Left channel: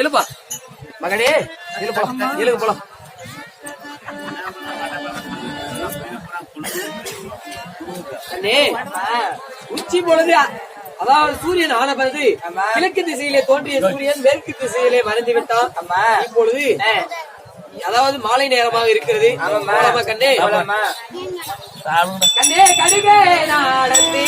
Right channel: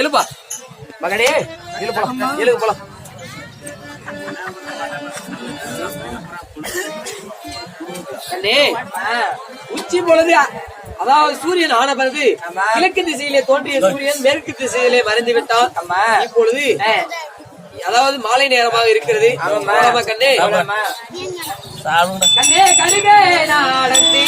எழுப்பா மகனே, எழுப்பலாம், எழுது போலாம். உச்சி பொழுது, அதாவது சூரியன் ஆன பிறகு கிழக்கு திசையிலே தோன்றிய சூரியன் மேற்கு திசையிலே மறைந்து விட்டான். இப்பொழுது அதாவது மாலை நேரமாக இருக்கிறது. கண்ணே கண்ணே கடுகே நாடத்தி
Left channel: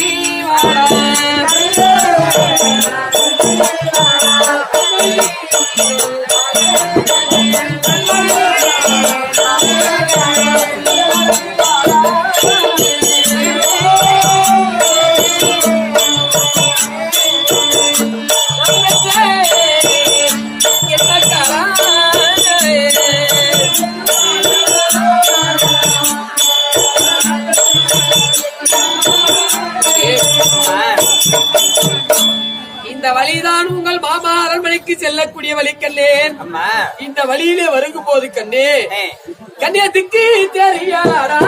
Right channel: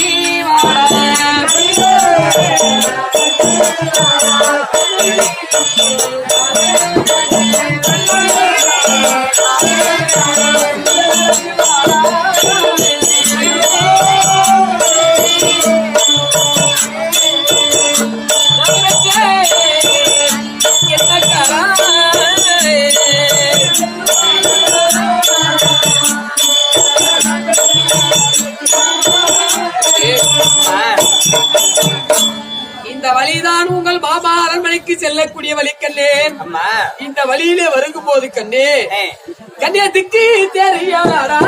இந்த வழிதான் உங்கள் மாமா அரண்மனைக்கு செல்லக்கூடிய வழி கண்ணே. இந்த வழியிலே வருகும் போது கண்ணே கண்ணியத்துக்கு தெரியாதா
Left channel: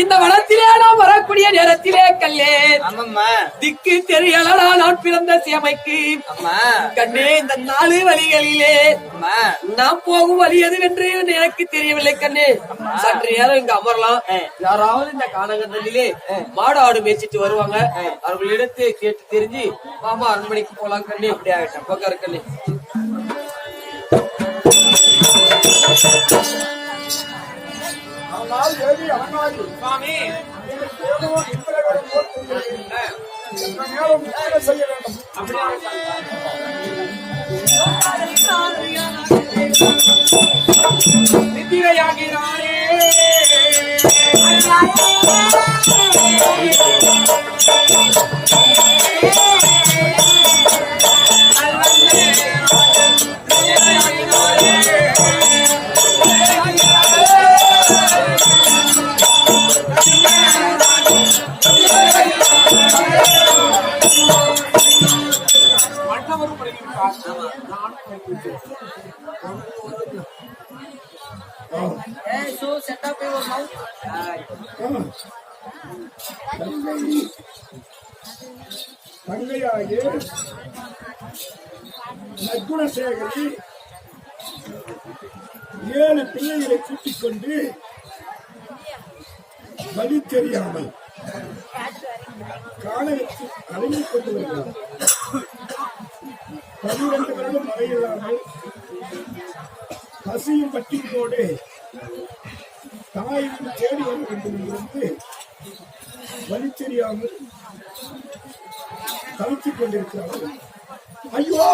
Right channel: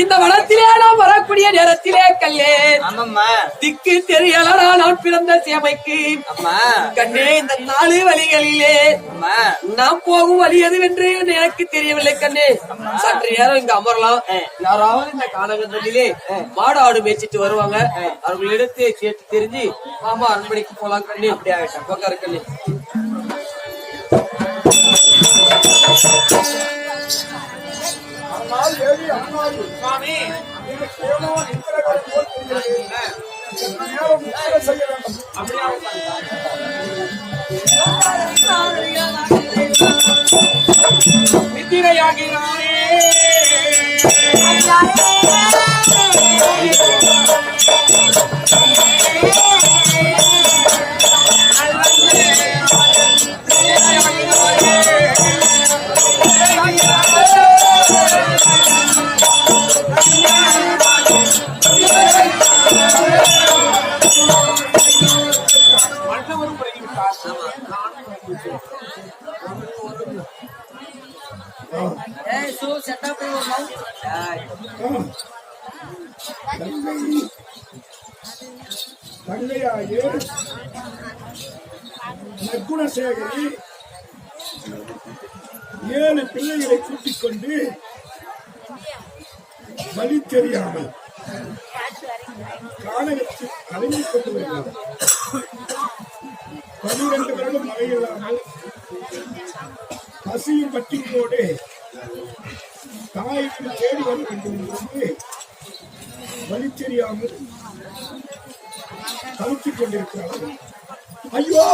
இந்த வனத்திலே நாம் வரக்கூடிய நேரத்திலே கல்லே திக்கு தெரியலடா நான் பிறந்த சேமைக்கு. கண்ணே இந்த 4 வழிகளிலே நாம் போகும் வழி எதுவென்று எனக்கு தெரியவில்லை கண்ணே. சற்று நேரம் இங்க அமரலாம். யாராவது இந்த காலகட்டத்திலே மாடு ஆடு மேய்ச்சிட்டு வருவாங்க. அவர்களிடத்தை கேட்டு தெரிஞ்சு மாமா அரண்மனைக்கு போலாம் கண்ணே. அப்படி ஆகட்டும், உட்காரு கண்ணே. சுவாமி செய்ய வேண்டும். அப்படியே நித்திரையாகிறானே மன்னவரும் பழகிவிட்டார். நானும் பழகிவிட்டேன். தங்கையாகி நற்குணசேகரி 7 பிள்ளைகளை கூட்டிக் கொண்டு வழி தெரியாமல் காணகத்தில் அடங்கிக் கொண்டு வருகிறார். 12 வருடம் மழையில்லாமல் பசியும் பட்டினியோடு தாய் வீடு தேடி வர வேண்டும் என்று வழி தெரியாமல் தவித்துக் கொண்டிருக்கிறார்கள். ஐயோ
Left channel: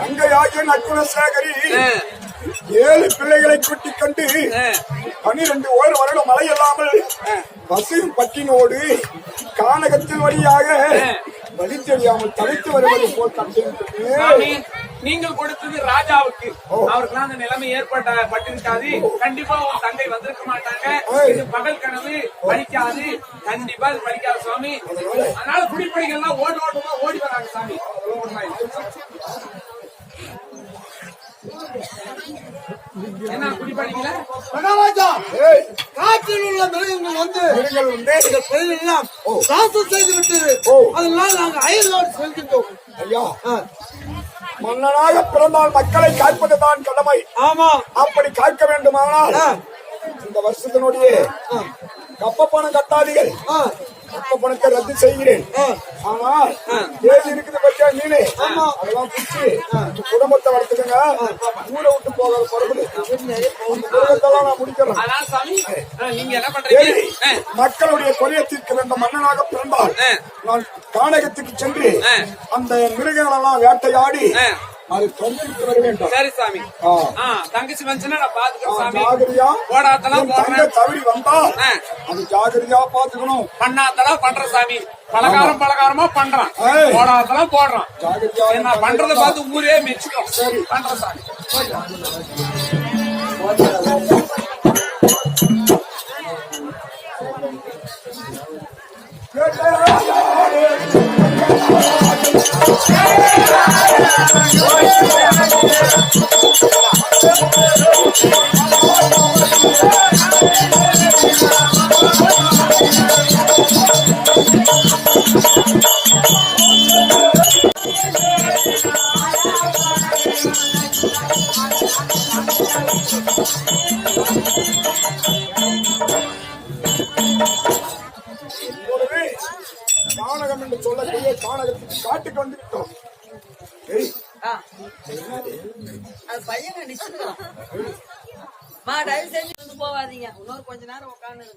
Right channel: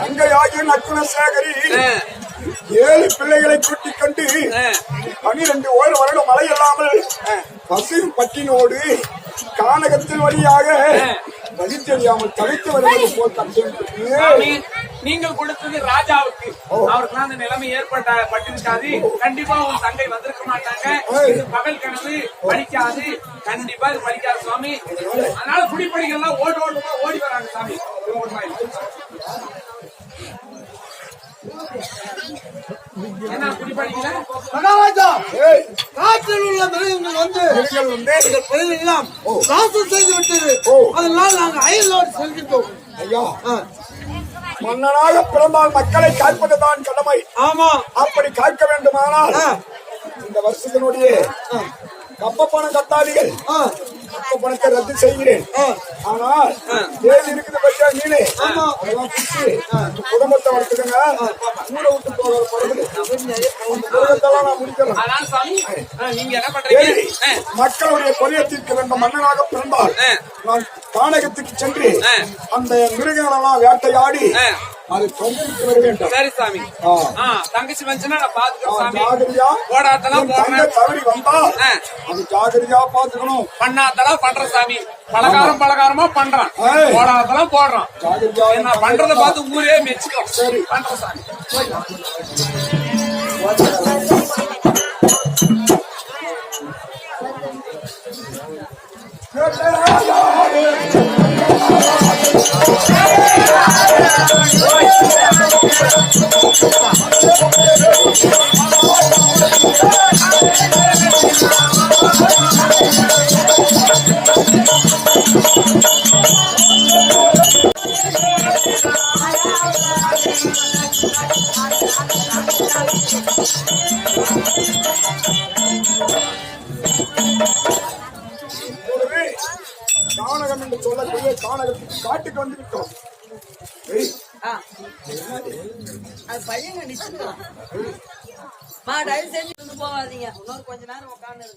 தங்கையாகிய நக்குலசேகரி 7 பிள்ளைகளை கூட்டிக் கொண்டு 12 வருடம் மழை இல்லாமல் பசும் பட்டினோடு கானகத்தின் வழியாக வழி தெரியாமல் தவித்து வருவது போல் கண்டேன். நீங்கள் கொடுத்தது ராஜாவுக்கு, அவருக்கெல்லாம் அந்த நிலைமை பட்டிருக்காது. கண்டிப்பா உன் தங்கை வந்திருக்க மாட்டாங்க. இது பகல் கனவு, பலிக்காது. கண்டிப்பா இது பலிக்காது சுவாமி. அதனால குடிப்படிகள்லாம் ஓட்டமா ஓடி வராங்க சாமி. என்ன குடிப்படிக்கல? மகாராஜா, ஏய், காற்றில் உள்ள மிருகங்கள் வந்து நீங்கள் வந்து எங்கள் பயிரெல்லாம் நாசம் செய்து விட்டது. அதனால் நாங்கள் அயலோடு செல்கின்றோம். ஐயா, மன்னனாக பிறந்தால் மக்களை காப்பதுதான் கடமை. ஆமா, அப்படி காக்க வேண்டுமானால் இந்த வருஷத்தினுடைய கப்ப பணம் கட்டாதீர்கள். கப்ப பணத்தை ரத்து செய்கிறேன். ஆனால் தேதி இருக்குது பற்றியா மீனு, அதெல்லாம் பிடிச்சு குடும்பத்தை வளர்த்துக்கங்க. ஊரை விட்டு போகிற பரபடி குடும்பத்தெல்லாம் நான் முடிக்கிறேன். அதனால சாமி நீங்க என்ன பண்றீங்க? மக்களுடைய கொலையை தீர்க்க வேண்டும். மன்னனாக பிறந்தால் நான் கானகத்துக்கு சென்று அந்த மிருகங்களெல்லாம் வேட்டையாடி அது தொங்கிட்டு வர வேண்டும். சரி சாமி. தங்கச்சி வந்துச்சுன்னா நான் பாத்துக்கிறேன் சாமி. ஜாகிரதையா போடாத்தெல்லாம் போடுறேன். தவறி வந்தால் அது ஜாகிரதையா பாத்துக்கணும். பண்ணாத்தெல்லாம் பண்ற சாமி. பலகாரமா பண்றான். போடாதெல்லாம் போடுறான். நான் பண்றத பார்த்து ஊரே மெச்சுக்கோ. சரி பண்ற சாமி. கானகம் என்று சொல்லக்கூடிய கானகத்துக்கு காட்டுக்கு வந்து விட்டோம். அது பையன் நிச்சயம் போவாதீங்க. இன்னொரு கொஞ்ச நேரம் உட்காந்து